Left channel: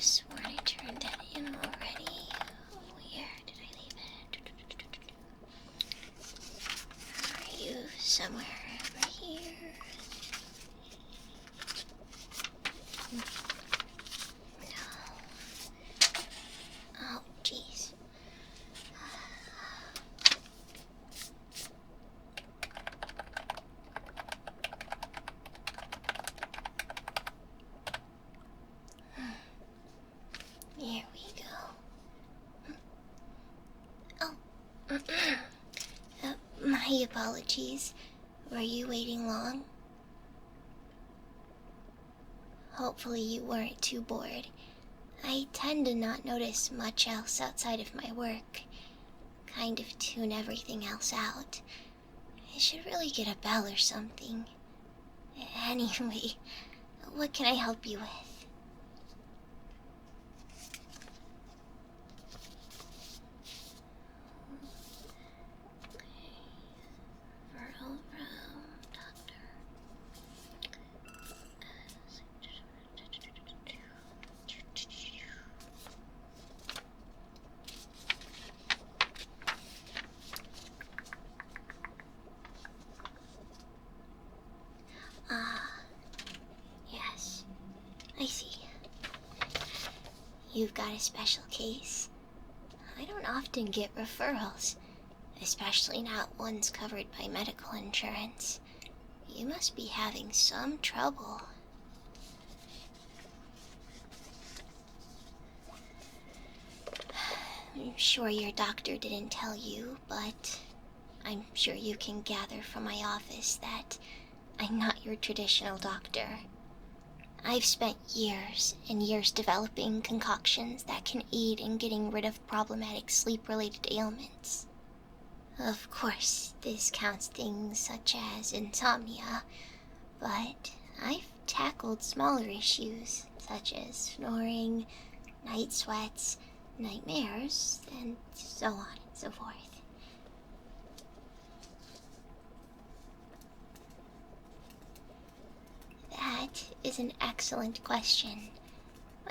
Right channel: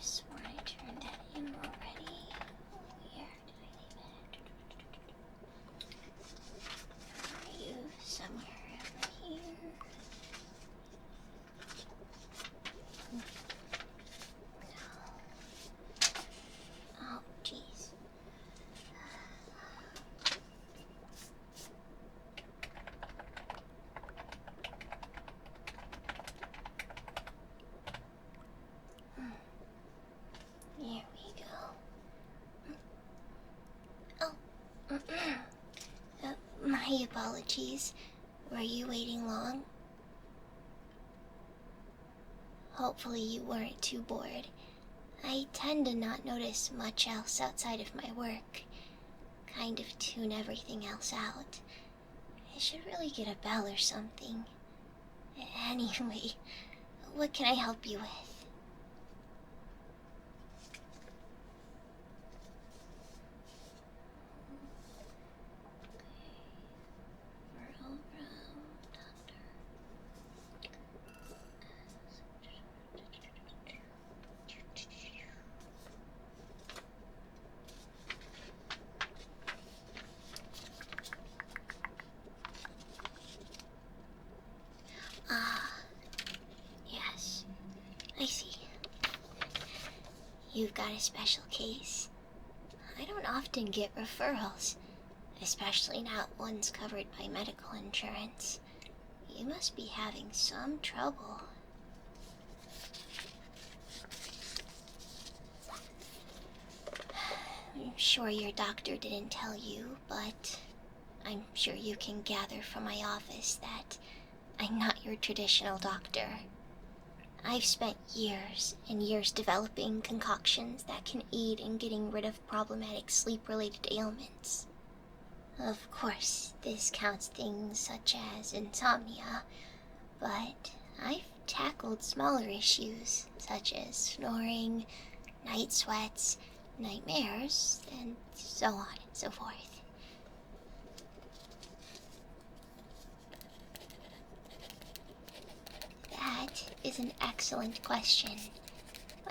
have sworn I turned that in already. Where did I leave it? Are you somewhere over here? No. Oh, jeez. Here we go. Oh, my apologies. Were you waiting long? Hopefully you weren't too bored. I tend to not notice much else outside of my work. Kind of tune everything else out. I should really get a bell or something. Anyway, what can I help you with? Yes, I see. You've got a special case. I don't often get referrals, especially not ones covered by medical insurance. You must be having some trouble. I'm sure your doctor didn't tell you, but I'm sure you can gather from my office that I'm not your traditional doctor. I've spent years and years developing concoctions that can aid in getting rid of problematic sleep-related ailments. Of course, this counts things such as insomnia, but I've tackled smaller issues such as snoring, night sweats, nightmares, and so on and so forth. That is an excellent question.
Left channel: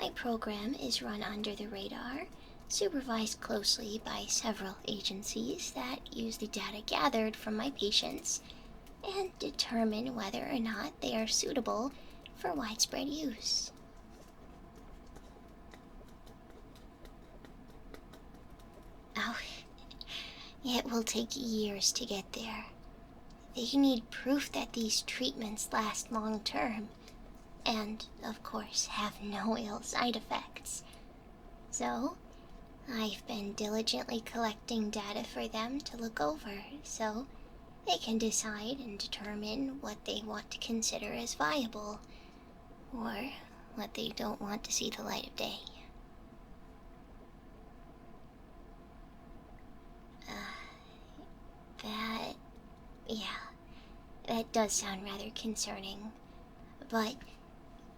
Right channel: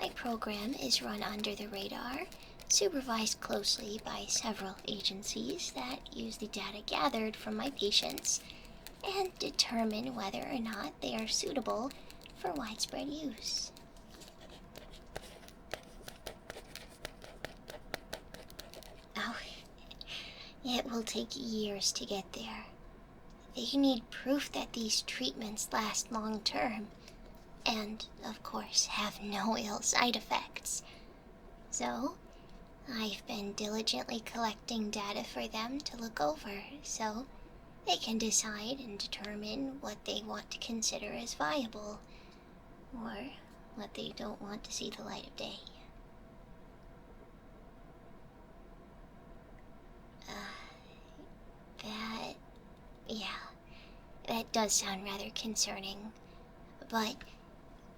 My program is run under the radar, supervised closely by several agencies that use the data gathered from my patients and determine whether or not they are suitable for widespread use. Oh, it will take years to get there. They need proof that these treatments last long term, and, of course, have no ill side effects. So, I've been diligently collecting data for them to look over, so they can decide and determine what they want to consider as viable, or what they don't want to see the light of day. That does sound rather concerning. But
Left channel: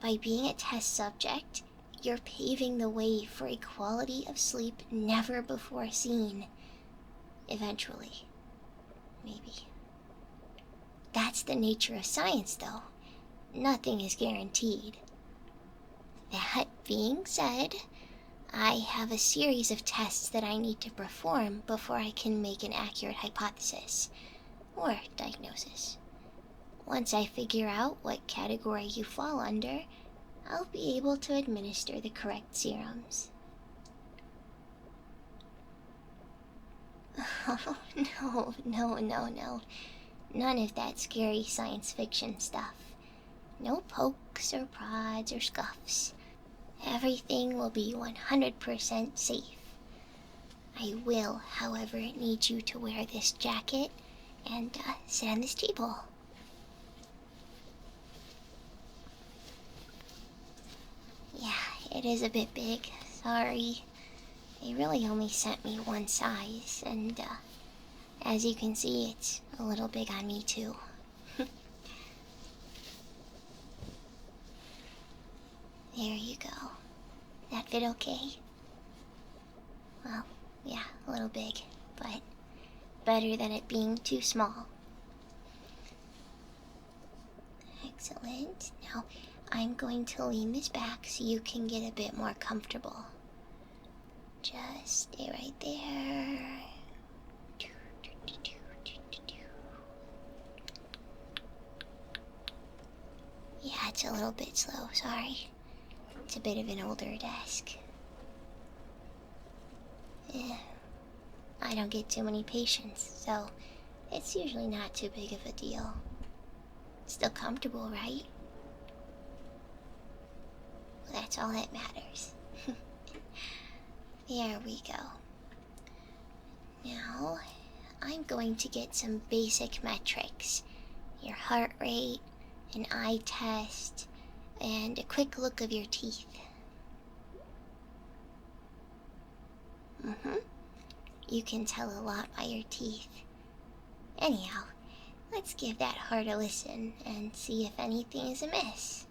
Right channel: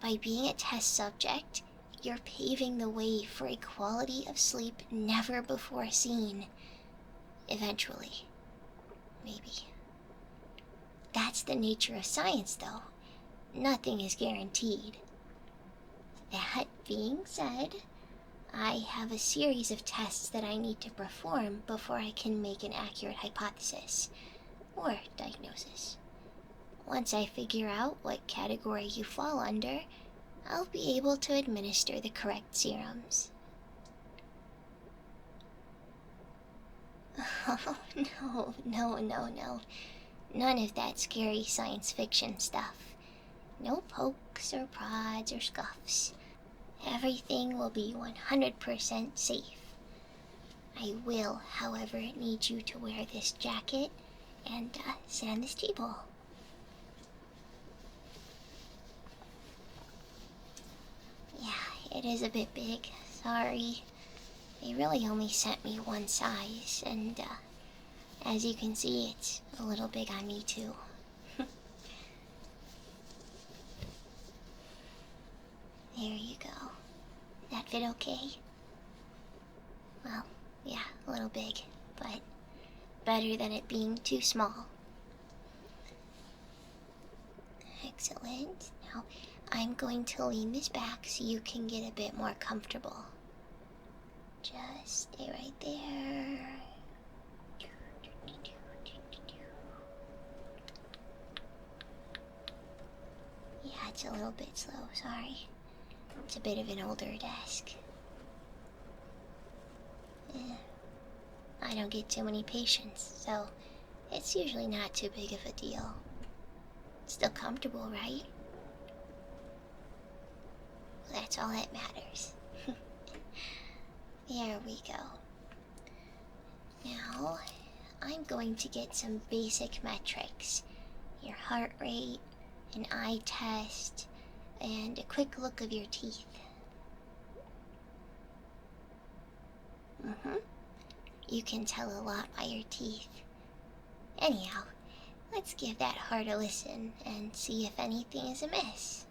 by being a test subject, you're paving the way for a quality of sleep never before seen. Eventually. Maybe. That's the nature of science, though. Nothing is guaranteed. That being said, I have a series of tests that I need to perform before I can make an accurate hypothesis or diagnosis. Once I figure out what category you fall under, I'll be able to administer the correct serums. Oh, no. None of that scary science fiction stuff. No pokes or prods or scuffs. Everything will be 100% safe. I will, however, need you to wear this jacket and sit on this table. Yeah, it is a bit big. Sorry. They really only sent me one size, and as you can see, it's a little big on me too. There you go. That fit okay? Well, yeah, a little big, but better than it being too small. Excellent. Now, I'm going to lean this back so you can get a bit more comfortable. Just stay right there. Yeah, it's a little bit slow, sorry. It's a bit of an older desk. I don't get too many patients, so it's usually not too big of a deal. Still comfortable, right? Well, that's all that matters. There we go. Now, I'm going to get some basic metrics. Your heart rate, an eye test, and a quick look of your teeth. You can tell a lot by your teeth. Anyhow, let's give that heart a listen and see if anything is amiss.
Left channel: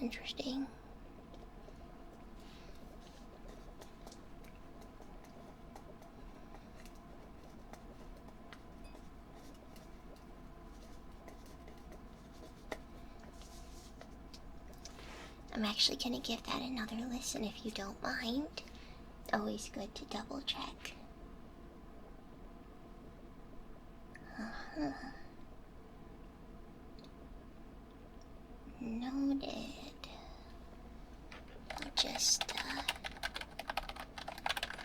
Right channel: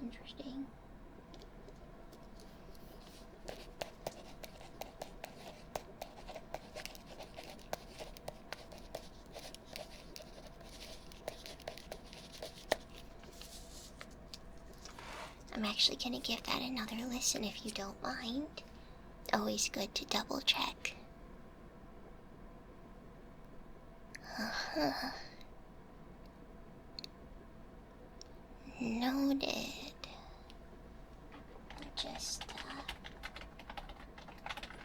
Interesting. I'm actually gonna give that another listen if you don't mind. Always good to double check. Noted. I'll just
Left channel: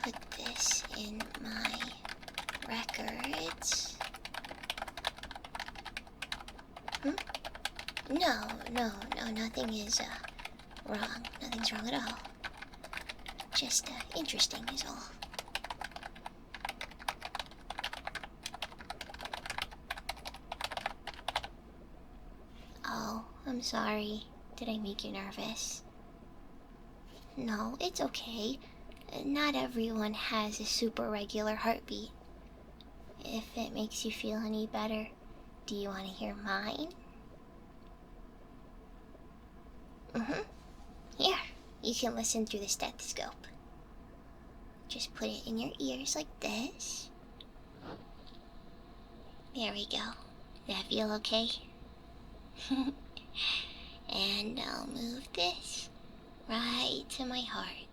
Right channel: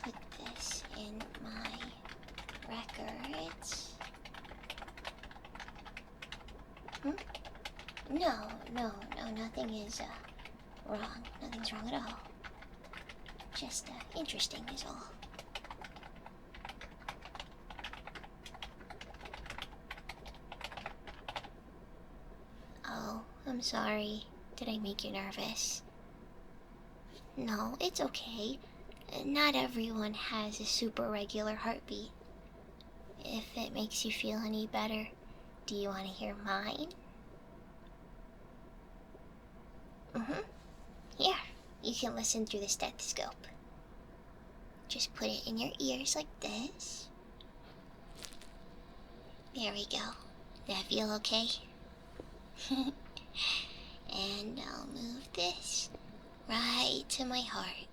put this in my records. No, nothing is wrong. Nothing's wrong at all. Just interesting is all. Oh, I'm sorry. Did I make you nervous? No, it's okay. Not everyone has a super regular heartbeat. If it makes you feel any better, do you want to hear mine? Here, you can listen through the stethoscope. Just put it in your ears like this. There we go. That feel okay? And I'll move this right to my heart.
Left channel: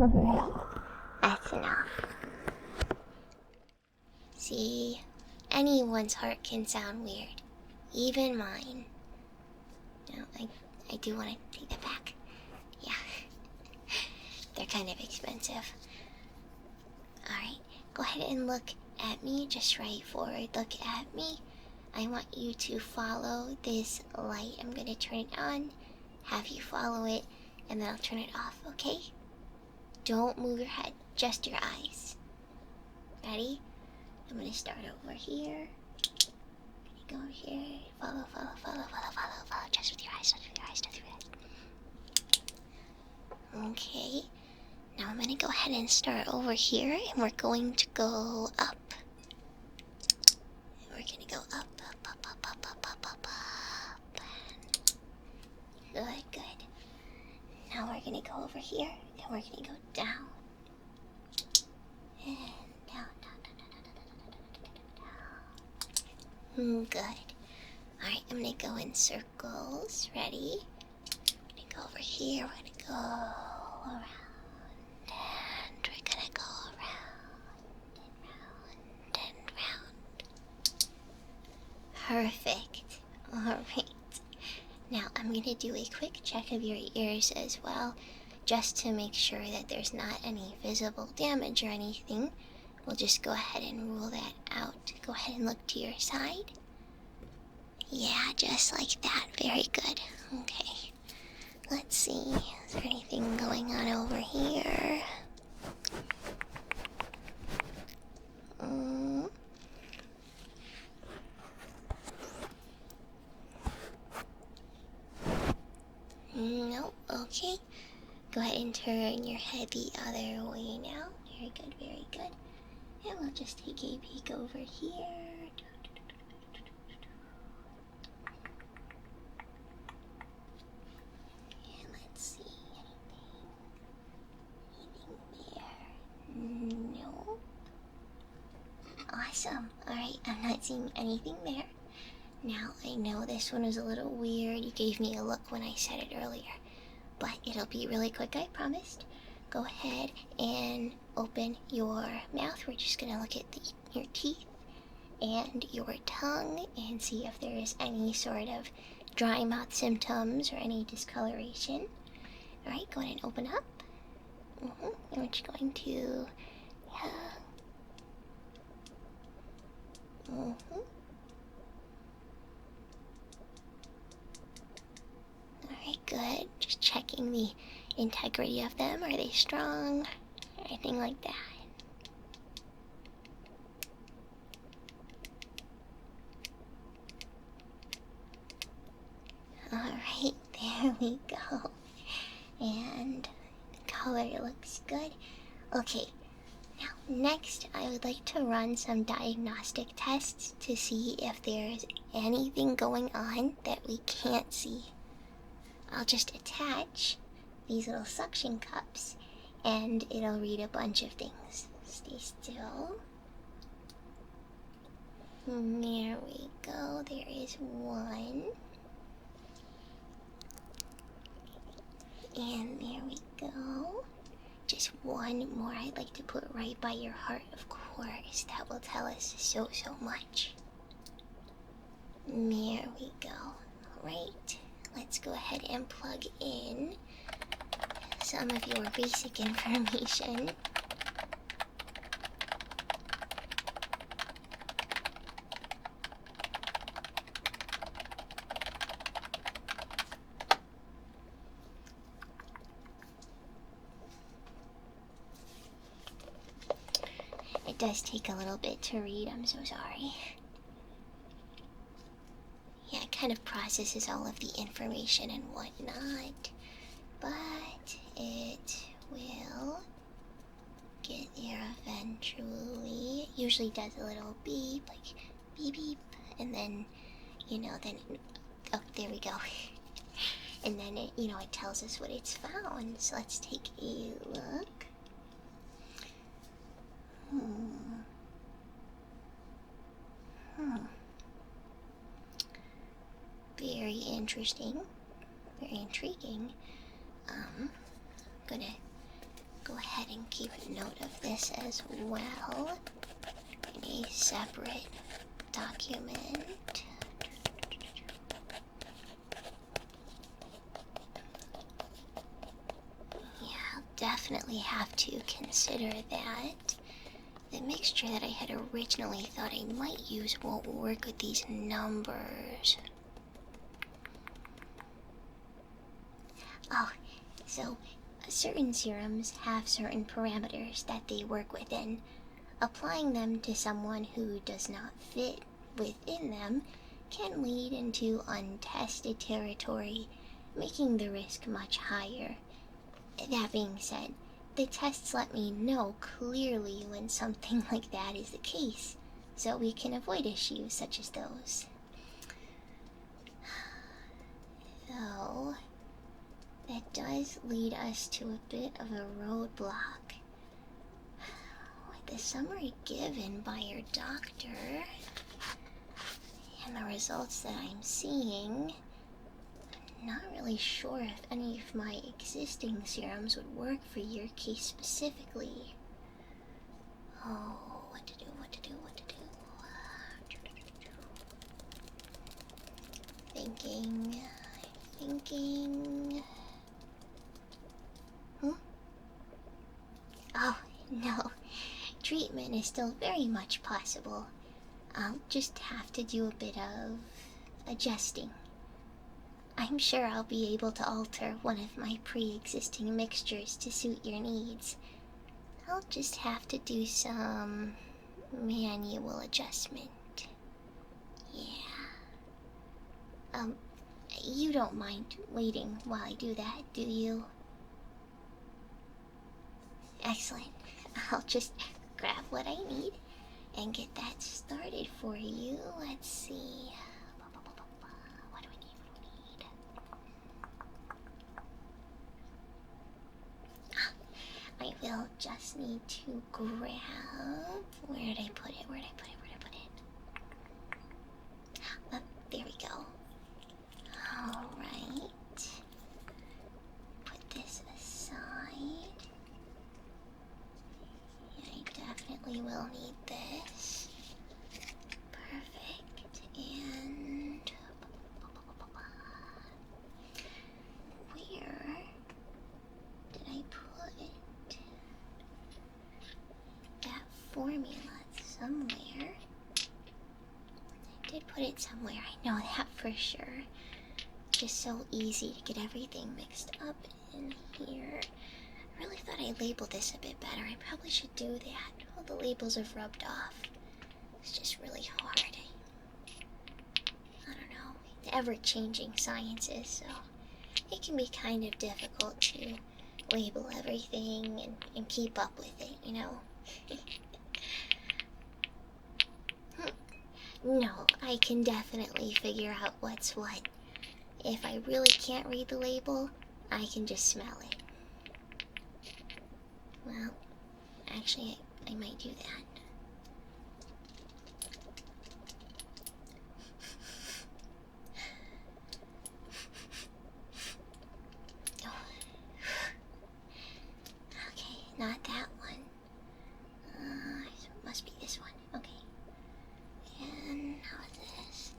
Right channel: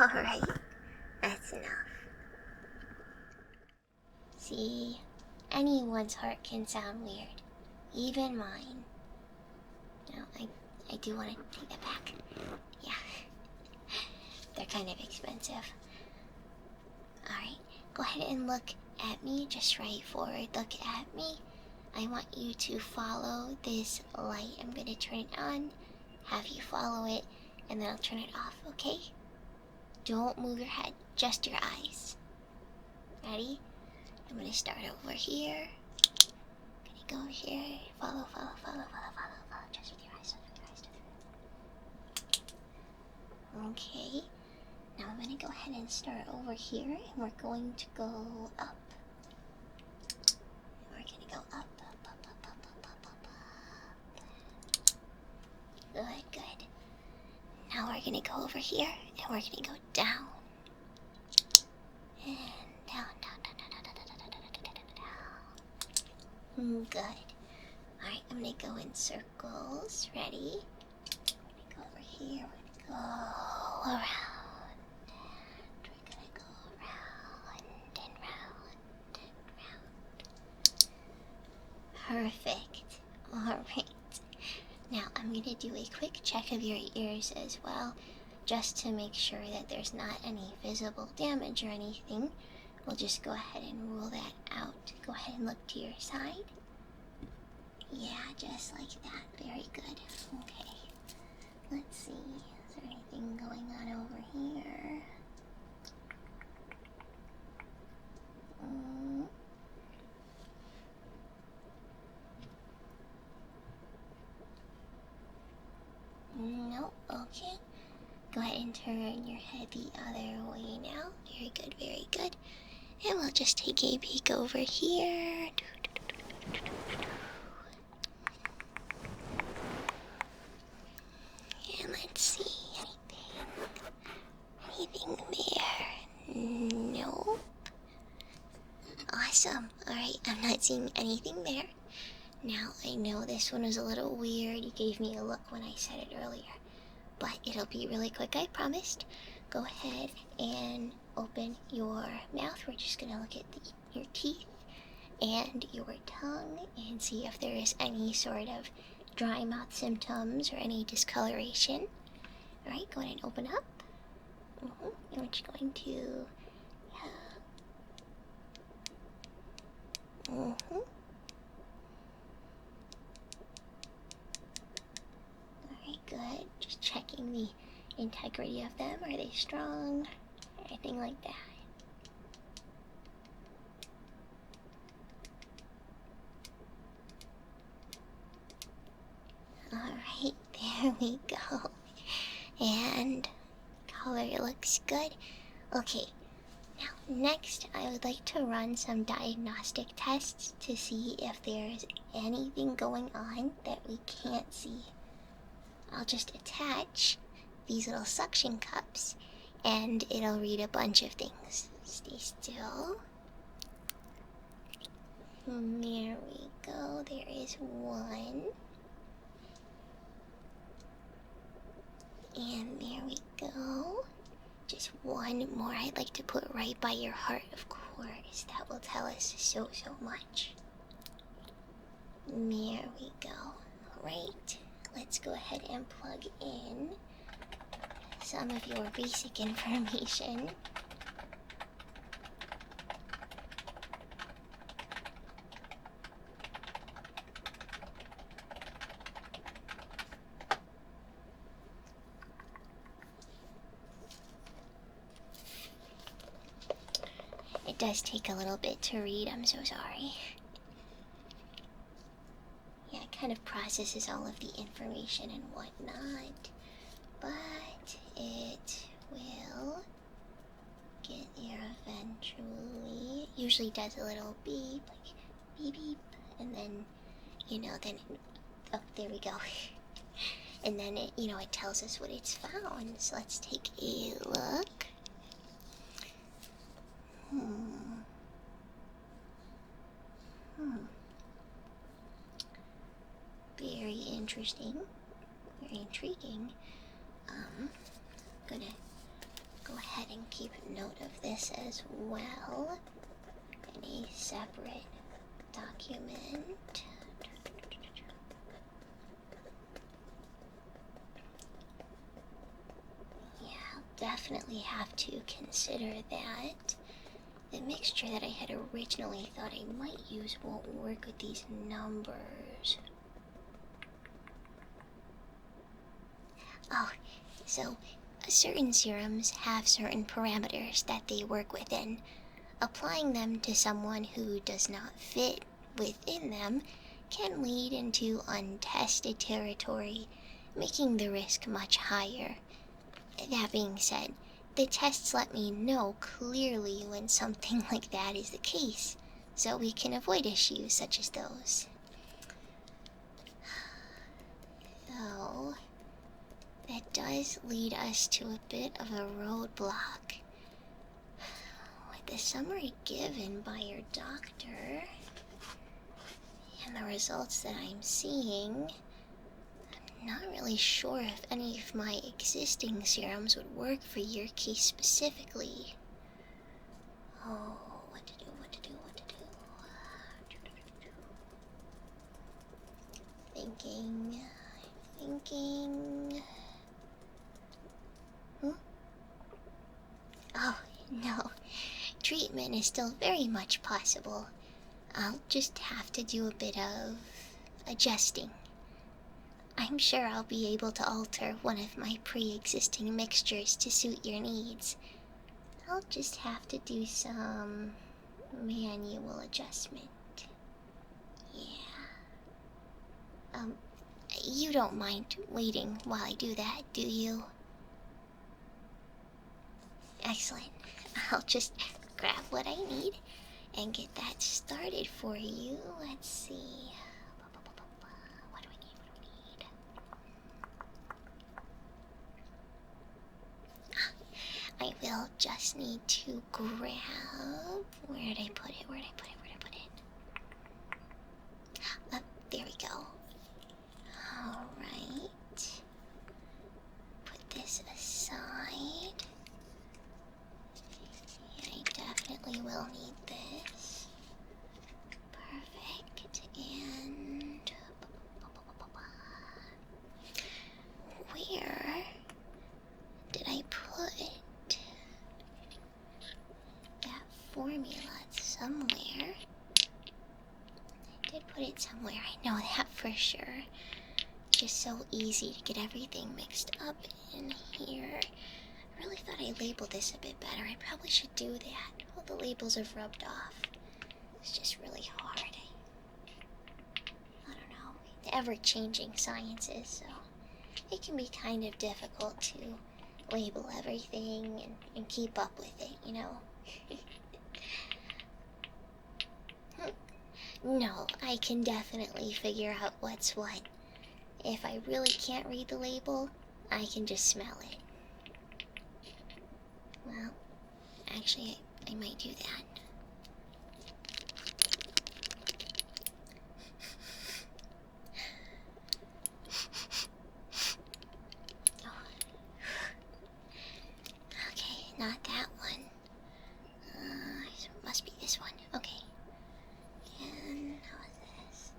Alright, that's enough. See, anyone's heart can sound weird, even mine. Now, I do want to take that back. Yeah, they're kind of expensive. Alright, go ahead and look at me, just right forward, look at me. I want you to follow this light. I'm going to turn it on, have you follow it, and then I'll turn it off, okay? Don't move your head, just your eyes. Ready? I'm gonna start over here. Gonna go here. Follow. Just with your eyes, Okay. Now I'm gonna go ahead and start over here, and we're going to go up. We're gonna go up. Good. Now we're gonna go over here, and we're gonna go down. And down. Good. Alright, I'm gonna go in circles. Ready? I'm gonna go over here. We're gonna go around. And we're gonna go around and round and round. Perfect. Alright. Now I'm gonna do a quick check of your ears as well, just to make sure that there's not any visible damage or anything. We'll just go ahead and rule that out. Go ahead and look to your side. Yeah, just like that. Very good. Okay. Let's see. Is there anything going on over here? and turn your head the other way now. Very good, very good. And we'll just take a peek over here. And let's see, anything there? Nope. Awesome. Alright, I'm not seeing anything there. Now, I know this one was a little weird. You gave me a look when I said it earlier. But it'll be really quick, I promised. Go ahead and open your mouth. We're just gonna look at your teeth and your tongue and see if there is any sort of dry mouth symptoms or any discoloration. Alright, go ahead and open up. And we're just going to... Alright, good. Just checking the integrity of them. Are they strong? Anything like that? Alright, there we go. And the color looks good. Okay, now next I would like to run some diagnostic tests to see if there's anything going on that we can't see. I'll just attach these little suction cups and it'll read a bunch of things. Stay still. There we go. There is one. And there we go. Just one more I'd like to put right by your heart, of course. That will tell us so much. There we go. Alright, let's go ahead and plug in some of your basic information. It does take a little bit to read, I'm so sorry. Yeah, it kind of processes all of the information and whatnot, but it will get there eventually. It usually does a little beep, like beep beep, and then, oh, there we go. And then it, it tells us what it's found. So let's take a look. Very interesting. Very intriguing. I'm gonna go ahead and keep note of this as well in a separate document. Yeah, I'll definitely have to consider that. The mixture that I had originally thought I might use won't work with these numbers. Oh, so certain serums have certain parameters that they work within. Applying them to someone who does not fit within them can lead into untested territory, making the risk much higher. That being said, the tests let me know clearly when something like that is the case, so we can avoid issues such as those. Though, that does lead us to a bit of a roadblock. With the summary given by your doctor, and the results that I'm seeing, not really sure if any of my existing serums would work for your case specifically. Oh, what to do. Thinking. Oh, no. Treatment is still very much possible. I'll just have to do a bit of adjusting. I'm sure I'll be able to alter one of my pre-existing mixtures to suit your needs. I'll just have to do some manual adjustment. Yeah. You don't mind waiting while I do that, do you? Excellent. I'll just grab what I need and get that started for you. Let's see. What do I need? I will just need to grab. Where did I put it? Oh, there we go. Alright. Put this aside. Yeah, I definitely will need this. Perfect. And where did I put that formula? Somewhere. I did put it somewhere, I know that for sure. Just so easy to get everything mixed up in here. I really thought I labeled this a bit better. I probably should do that. All the labels have rubbed off. It's just really hard. I don't know. The ever-changing sciences, so it can be kind of difficult to label everything and keep up with it, you know? No, I can definitely figure out what's what. If I really can't read the label, I can just smell it. Well, actually, I might do that. Oh. Okay, not that one. So it must be this one. Okay. And how is this?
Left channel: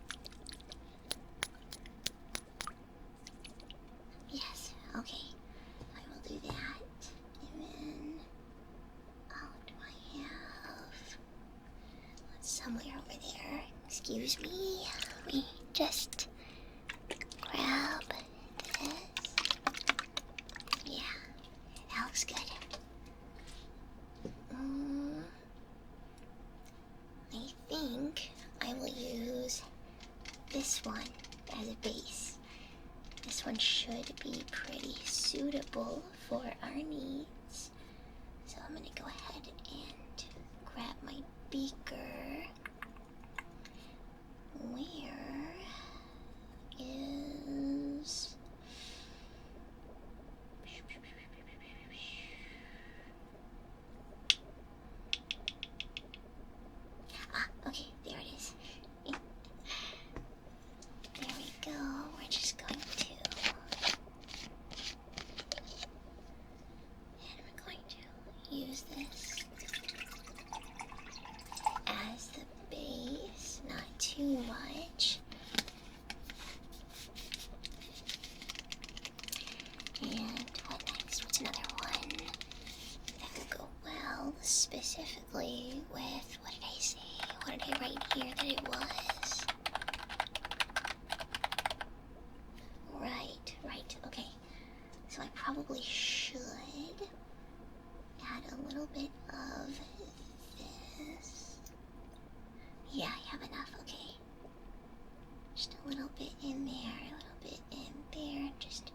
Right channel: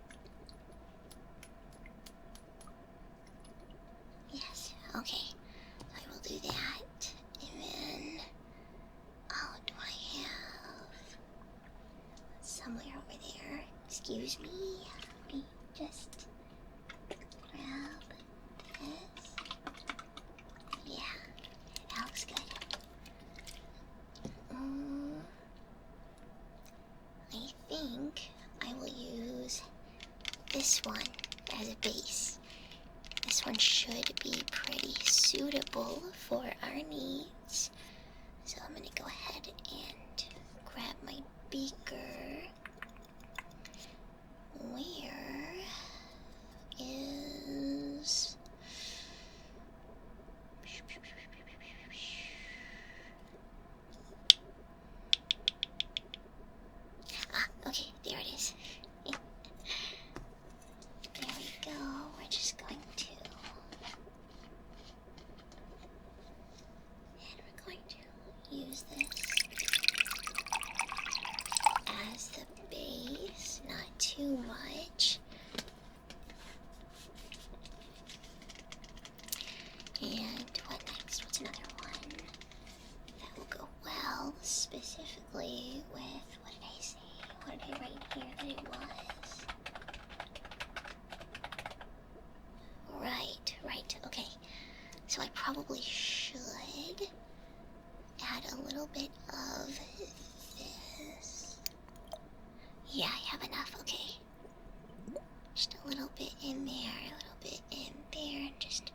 Yes, okay. I will do that. And then, oh, do I have somewhere over there? Excuse me. Let me just grab this. Yeah, that looks good. I think I will use this one as a base. This one should be pretty suitable for our needs. So I'm gonna go ahead and grab my beaker. Where is... Okay, there it is. There we go. We're just going to... And we're going to use this as the base, not too much. And what next? What's another one that will go well, specifically with... What did I say? What did I write here that it was? Right, okay. So I probably should add a little bit of this. Yeah, I have enough, okay. Just a little bit in there, a little bit in there, just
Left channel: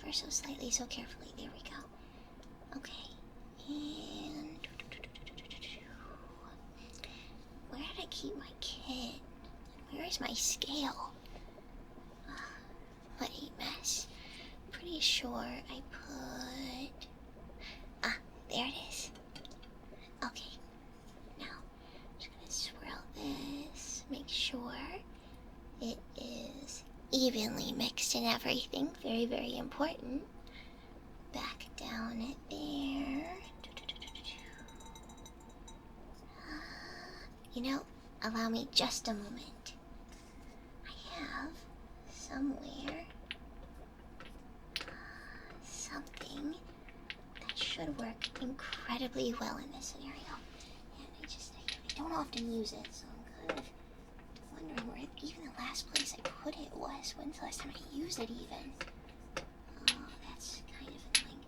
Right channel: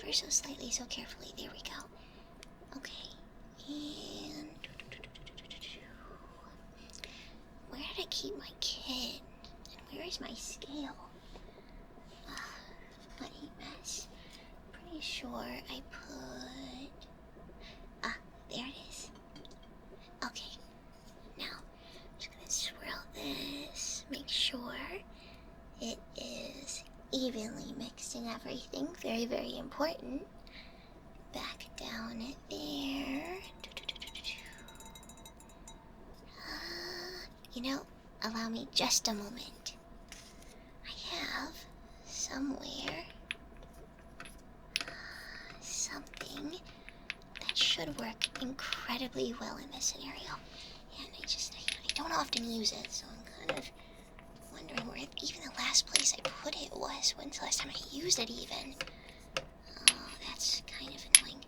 ever so slightly, so carefully. There we go. Okay, and... Where did I keep my kit? And where is my scale? What a mess. Pretty sure I put... there it is. Okay. Now, I'm just gonna swirl this. Make sure it is evenly mixed in everything. Very, very important. Back down it there. You know, allow me just a moment. I have somewhere something that should work incredibly well in this scenario. And I don't often use it, so I'm kind of wondering where even the last place I put it was. When's the last time I used it even? Oh, that's kind of annoying.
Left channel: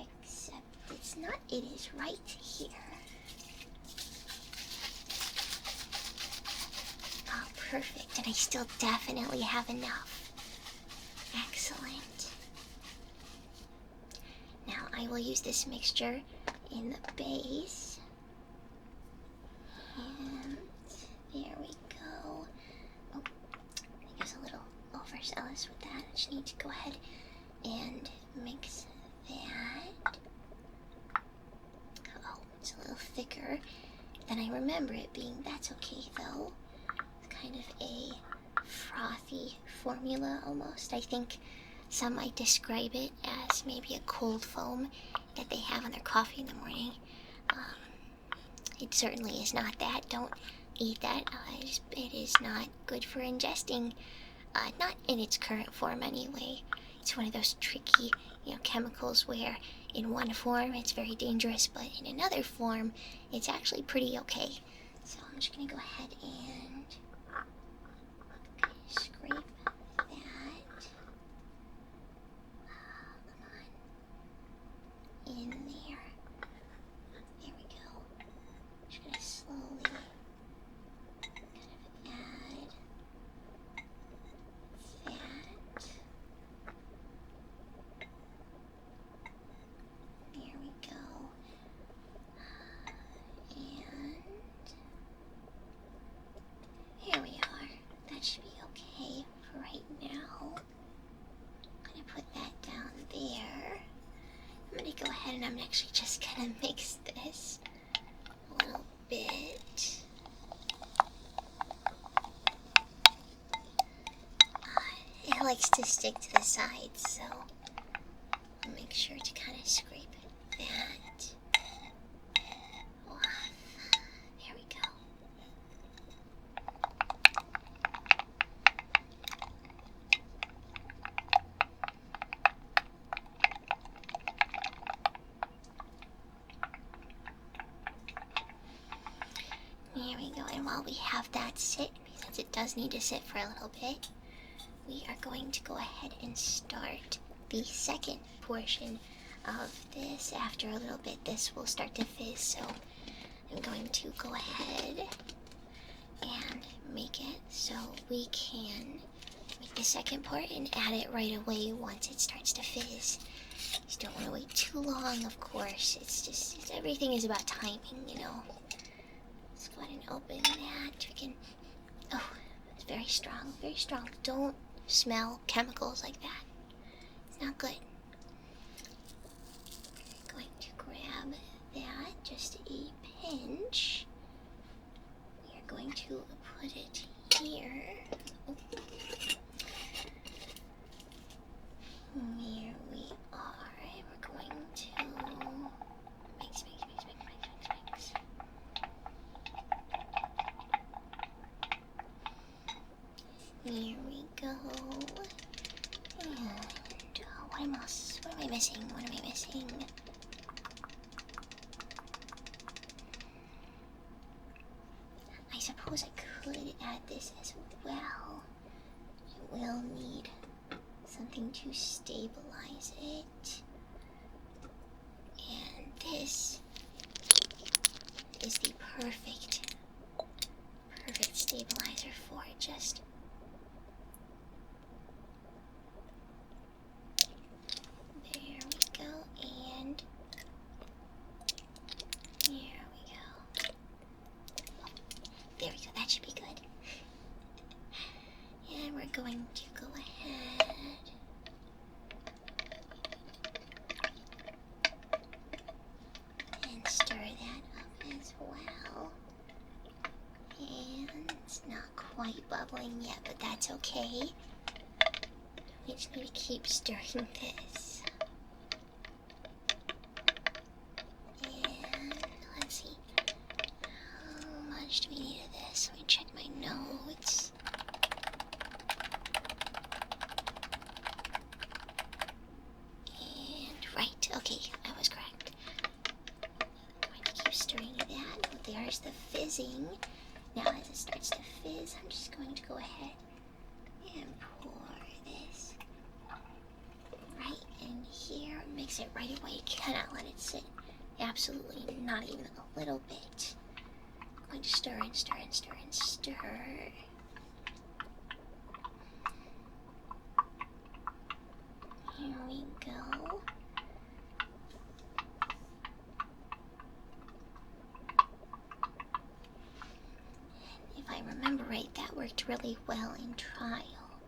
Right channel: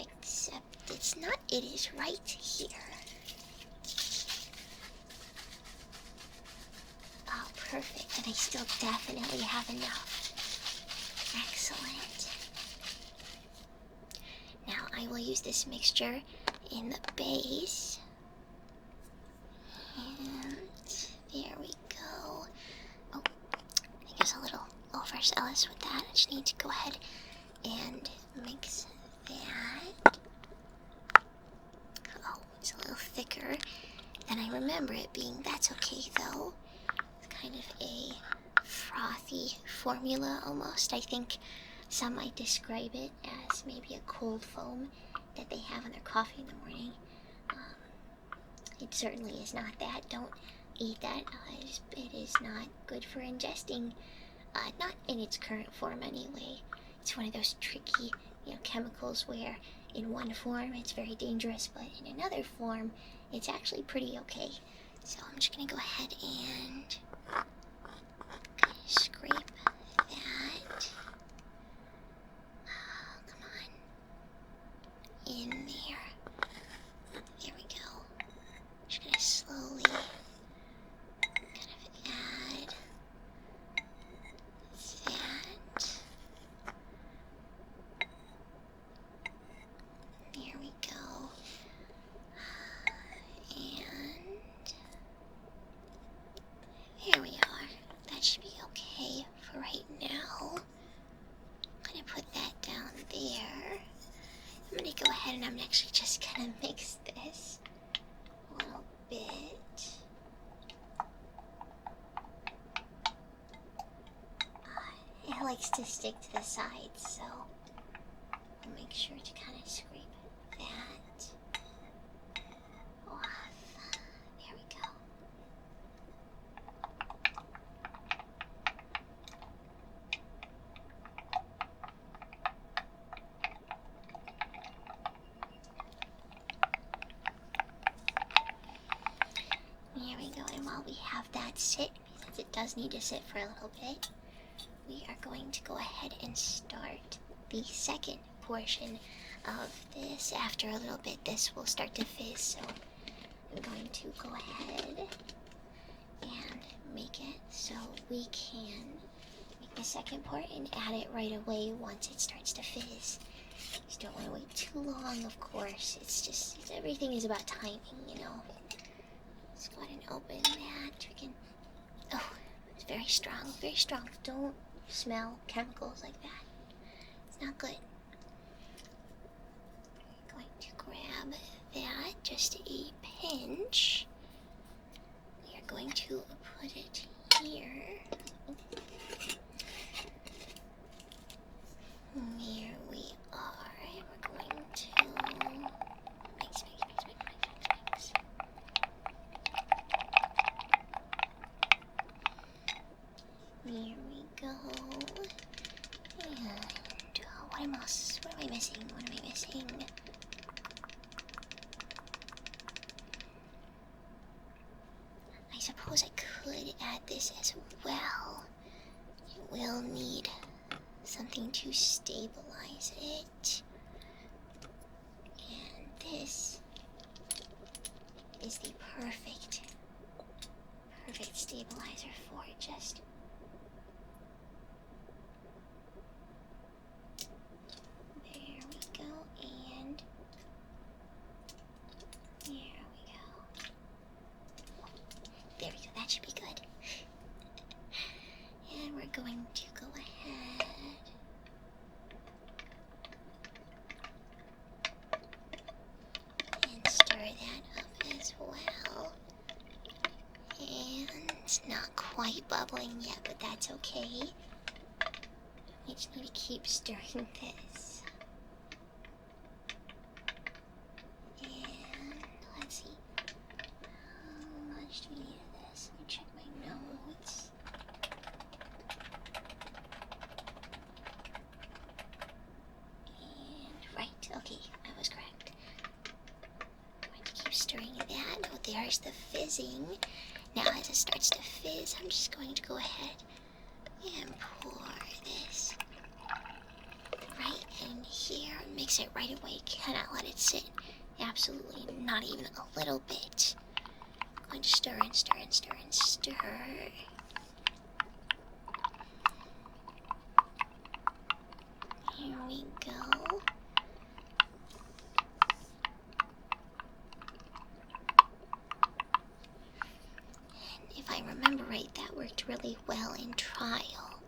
Except it's not, it is right here. Oh, perfect. And I still definitely have enough. Excellent. Now I will use this mixture in the base. And there we go. Oh, I think I was a little overzealous with that. I just need to go ahead and mix that. Oh, it's a little thicker than I remember it being. That's okay though. It's kind of a frothy formula almost. I think some might describe it as maybe a cold foam that they have on their coffee in the morning. It certainly is not that. Don't eat that. It is not good for ingesting. Not in its current form anyway. It's one of those tricky, chemicals where in one form it's very dangerous, but in another form it's actually pretty okay. So I'm just gonna go ahead and scrape that. Come on. In there. There we go. Just gonna slowly kind of add that. There we go. And there we are. That should be okay for right now. I'm gonna put that down there. I'm gonna go ahead and I'm actually just gonna mix this a little bit. It likes to stick to the sides, so I'll make sure to kind of scrape that off. There we go. There we go, and while we have that sit, since it does need to sit for a little bit, we are going to go ahead and start the second portion of this. After a little bit, this will start to fizz, so I'm going to go ahead and make it so we can make the second part and add it right away once it starts to fizz. Just don't want to wait too long, of course. Everything is about timing, Let's go ahead and open that. Oh, it's very strong, very strong. Don't smell chemicals like that. It's not good. I'm going to grab that, just a pinch. We are going to put it here. Oh. Here we are. We're going to mix. Here we go. And what am I missing? I suppose I could add this as well. You will need something to stabilize it. And this is the perfect stabilizer for it. Just there we go, and there we go. There we go, that should be good. And we're going to go ahead and stir that up as well. And it's not quite bubbling yet, but that's okay. We just need to keep stirring this. And let's see. How much do we need of this? Let me check my notes. And right, okay, I was correct. I'm going to keep stirring that. Oh, there's the fizzing. Now as it starts to fizz, I'm just going to go ahead and pour this right in here. Mix it right away. Cannot let it sit. Absolutely not even a little bit. I'm going to stir and stir and stir and stir. Here we go. worked really well in trial.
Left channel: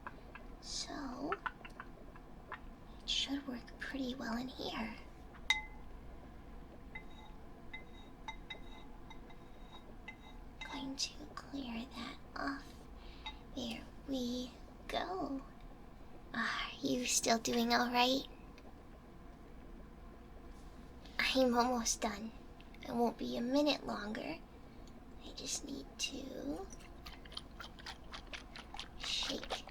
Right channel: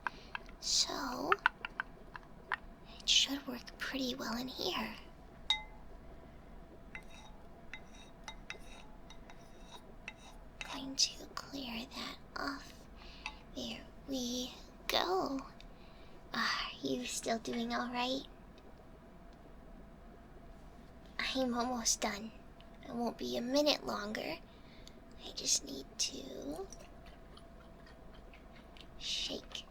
So, it should work pretty well in here. Going to clear that off. There we go. Are you still doing alright? I'm almost done. It won't be a minute longer. I just need to shake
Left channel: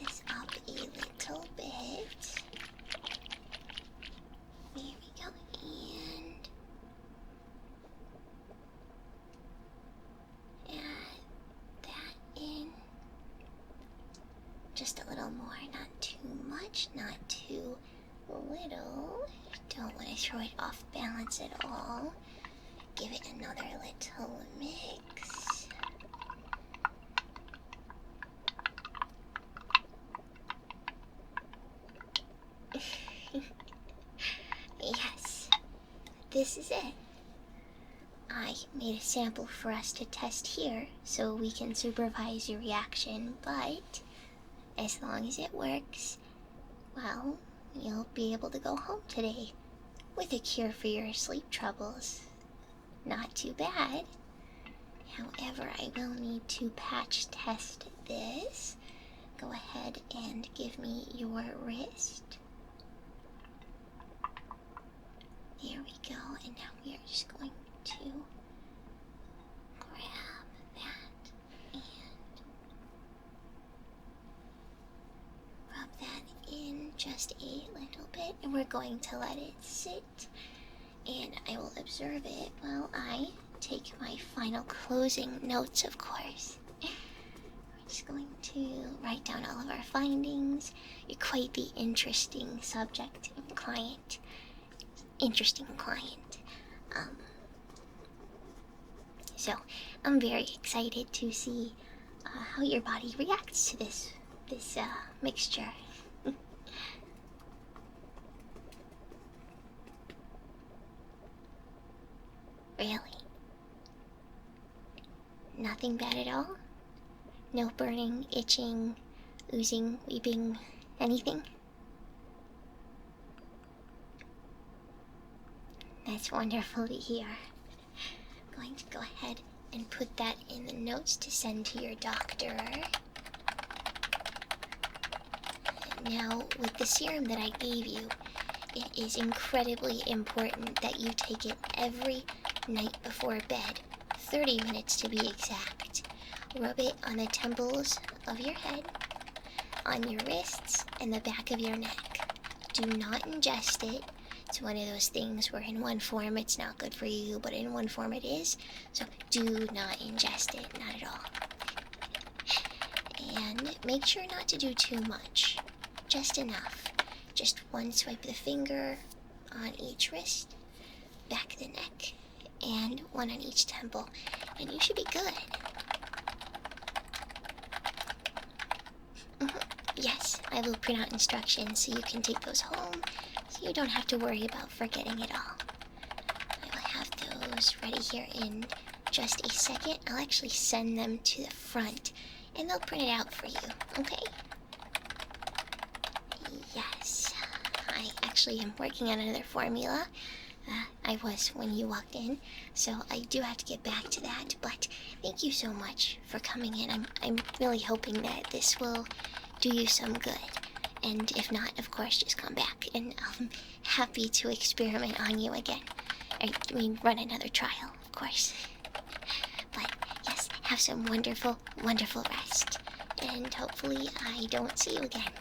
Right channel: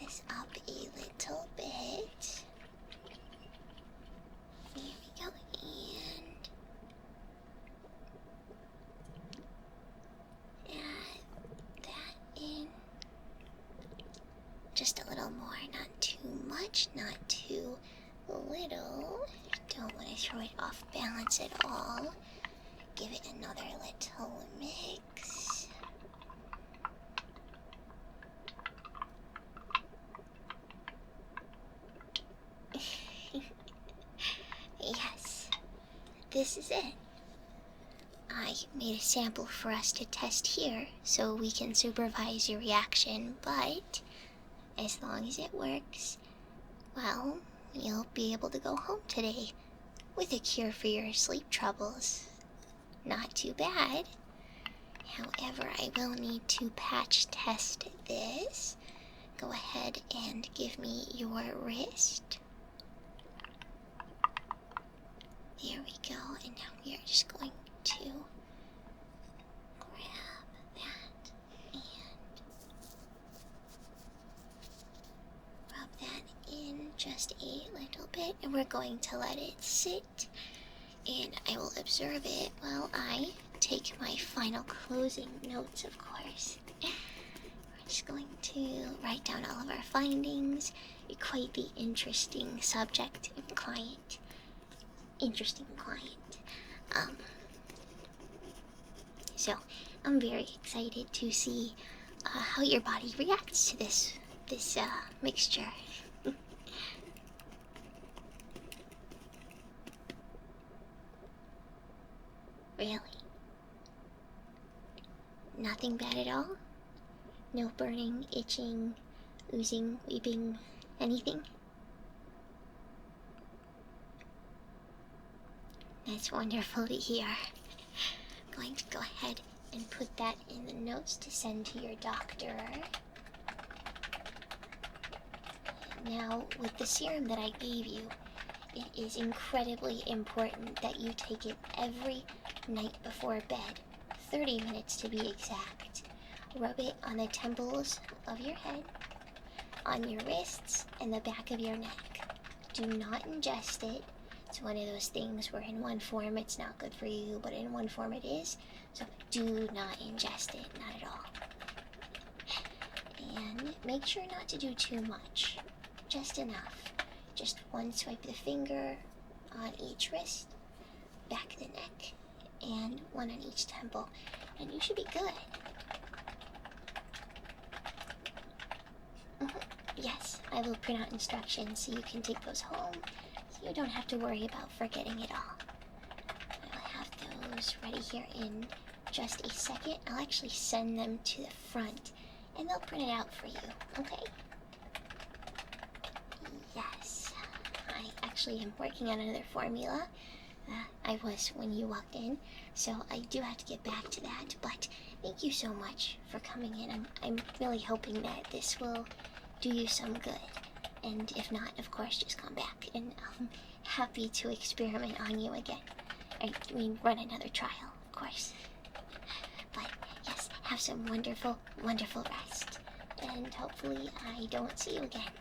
this up a little bit. There we go, and add that in. Just a little more, not too much, not too little. Don't want to throw it off balance at all. Give it another little mix. Yes, this is it. I made a sample for us to test here so we can supervise your reaction, but as long as it works, well, you'll be able to go home today with a cure for your sleep troubles. Not too bad. However, I will need to patch test this. Go ahead and give me your wrist. There we go, and now we are just going to grab that and rub that in just a little bit, and we're going to let it sit, and I will observe it while I take my final closing notes, of course. We're just going to write down all of our findings. You're quite the interesting subject and client. Interesting client. So I'm very excited to see how your body reacts to this mixture. Really? Nothing bad at all? No burning, itching, oozing, weeping, anything? That's wonderful to hear. I'm going to go ahead and put that in the notes to send to your doctor. Now, with the serum that I gave you, it is incredibly important that you take it every night before bed, 30 minutes to be exact. Rub it on the temples of your head, on your wrists, and the back of your neck. Do not ingest it. It's one of those things where in one form it's not good for you, but in one form it is. So do not ingest it, not at all. And make sure not to do too much. Just enough. Just one swipe of the finger on each wrist, back of the neck, and one on each temple. And you should be good. Yes, I will print out instructions so you can take those home. You don't have to worry about forgetting it all. I will have those ready here in just a second. I'll actually send them to the front, and they'll print it out for you, okay? Yes, I actually am working on another formula. I was when you walked in, so I do have to get back to that, but thank you so much for coming in. I'm really hoping that this will do you some good. And if not, of course, just come back, and I'm happy to experiment on you again. I mean, run another trial, of course. But yes, have some wonderful, wonderful rest. And hopefully I don't see you again.